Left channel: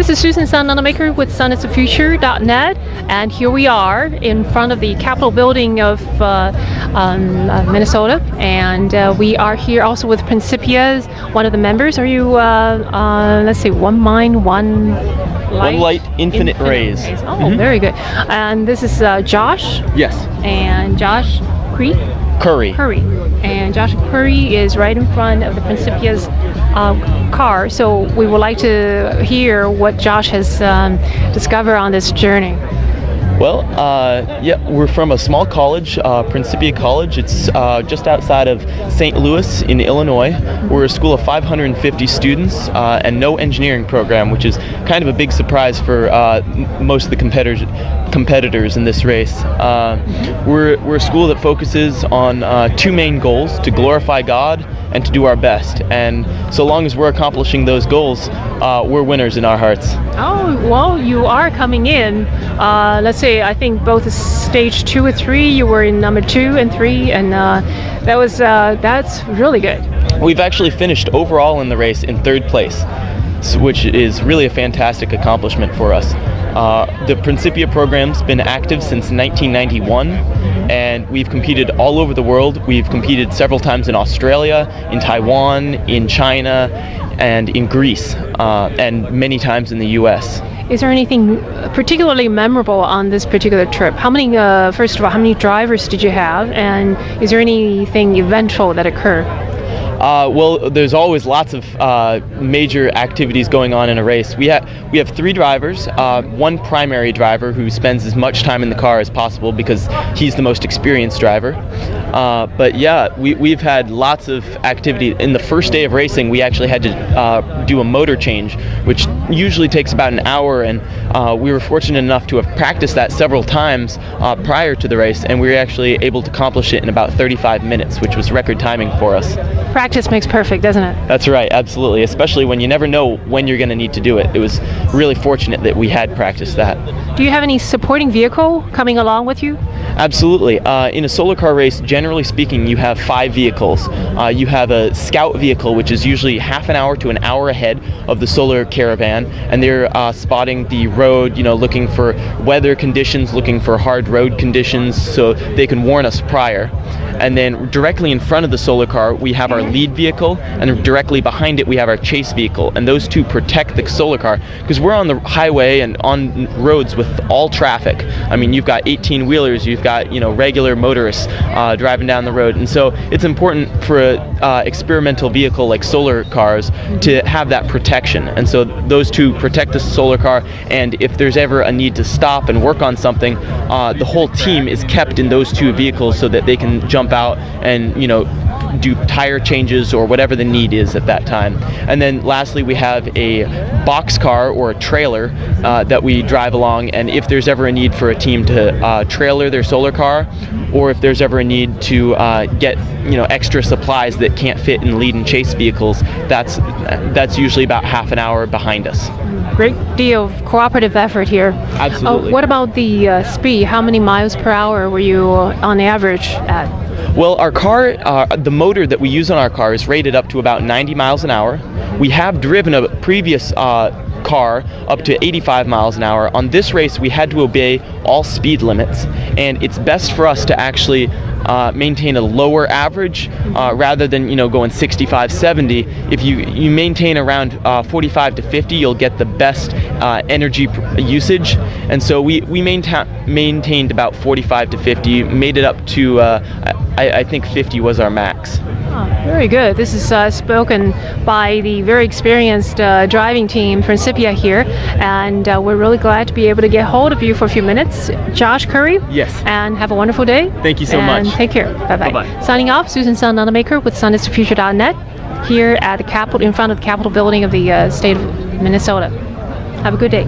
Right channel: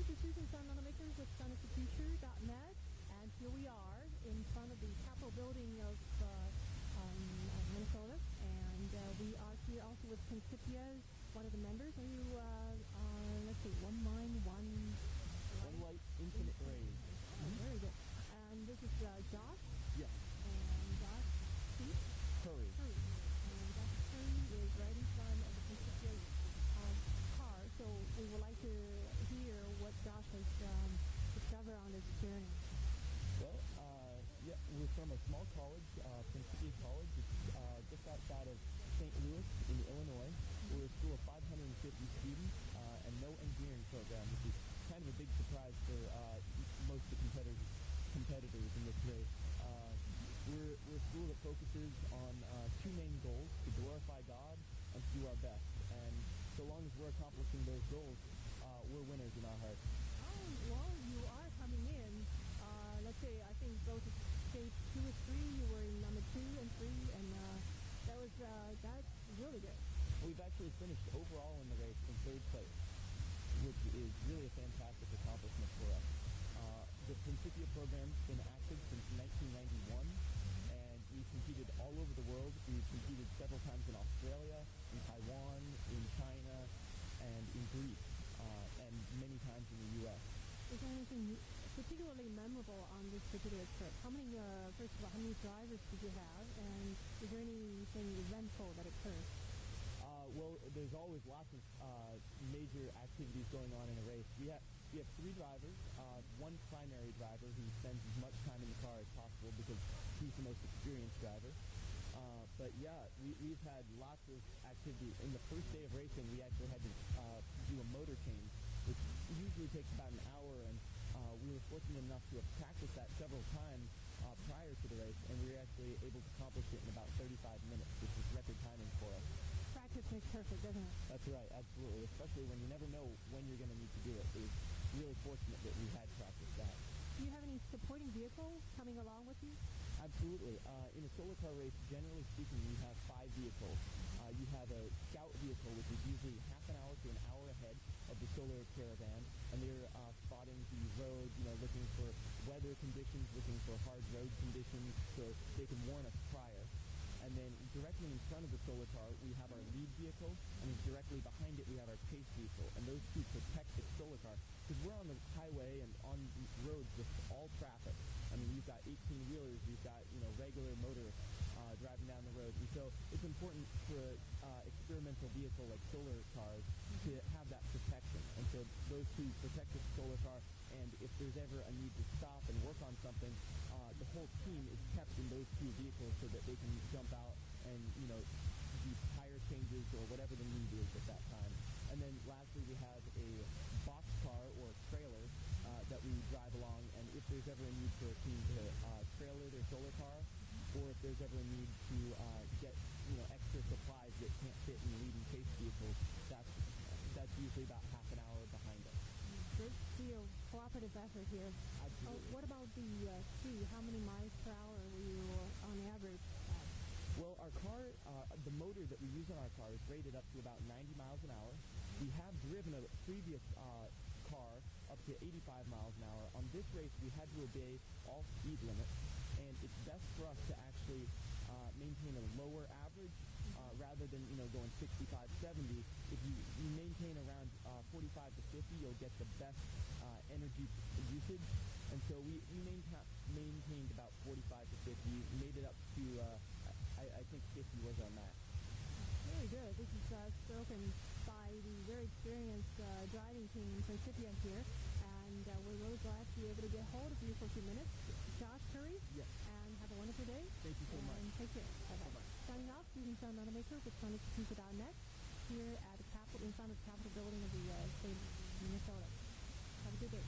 This is Susan Sun Nunamaker with sunisthefuture.net, and here we are in front of the Capitol building of Minnesota, and we are here also with Principia, one of the members. Are you, let's see, One Mind, One Light? One Light, Infinite Rays. Oh, very good. And this is Josh. Yes. And Josh Curry. And Josh Curry is right in front of the Principia's car. So we would like to hear what Josh has discovered on this journey. Well, yeah, we're from a small college, Principia College. It's just outside of St. Louis in Illinois. We're a school of 550 students and no engineering program, which is kind of a big surprise for most of the competitors in this race. We're a school that focuses on two main goals: to glorify God and to do our best. And so long as we're accomplishing those goals, we're winners in our hearts. Oh, well, you are coming in. Let's say, I think both stage 2 and 3, you were in number 2 and 3, and that's really good. We've actually finished overall in the race in 3rd place, which is really a fantastic accomplishment for us. The Principia program's been active since 1991, and we've competed all over the world. We've competed several times in Australia, in Taiwan, in China, and in Greece, and many times in the US. Is there anything particularly memorable on this particular trip? How many, first of all, how many drivers did you have, and is there anything eventful that occurred? Well, there's always lots of major activities going on in a race. We have 3 drivers, one primary driver who spends as much time in the car as possible because he's the most experienced driver. But yeah, we've had lots of activity. In the first day of racing, we actually had to do a motor change, which usually takes about an hour, and we were fortunate enough to have practiced that several times prior to the race, and we were actually able to accomplish it in about 35 minutes, which was record timing for us. Practice makes perfect, doesn't it? That's right, absolutely, especially when you never know when you're going to need to do it. It was really fortunate that we had practiced that. Do you have any supporting vehicle coming along with you? Absolutely. In a solar car race, generally speaking, you have 5 vehicles. You have a scout vehicle, which is usually half an hour to an hour ahead of the solar caravan, and they're spotting the road, looking for weather conditions, looking for hard road conditions, so they can warn us prior. And then directly in front of the solar car, we have our lead vehicle, and directly behind it, we have our chase vehicle. And those two protect the solar car, because we're on the highway and on roads with all traffic. I mean, you've got 18-wheelers, you've got, regular motorists driving down the road. And so it's important for an experimental vehicle like solar cars to have that protection. And so those two protect the solar car, and if there's ever a need to stop and work on something, the whole team is kept in those 2 vehicles so that they can jump out and do tire changes or whatever the need is at that time. And then lastly, we have a box car or a trailer that we drive along, and if there's ever a need for a team to trailer their solar car, or if there's ever a need to get extra supplies that can't fit in lead and chase vehicles, that's usually about half an hour behind us. Great deal of cooperative effort here. Absolutely. What about the speed? How many miles per hour were you on average at? Well, our car, the motor that we use on our car is rated up to about 90 miles an hour. We have driven a previous car up to 85 miles an hour. On this race, we had to obey all speed limits, and it's best for us to actually maintain a lower average rather than going 65, 70. If you maintain around 45 to 50, you'll get the best energy usage. And so we maintained about 45 to 50, made it up to I think 50 was our max. Oh, very good. This is spoken by the very experienced driving team, Principia here, and we're really glad to be able to get hold of you for a few minutes. Josh Curry? Yes. And have a wonderful day. Thank you so much. And take care. Bye-bye. Bye-bye. Signing off, Susan Sun Nunamaker with sunisthefuture.net here at the Capitol, in front of the Capitol building of the state of Minnesota. Have a good day.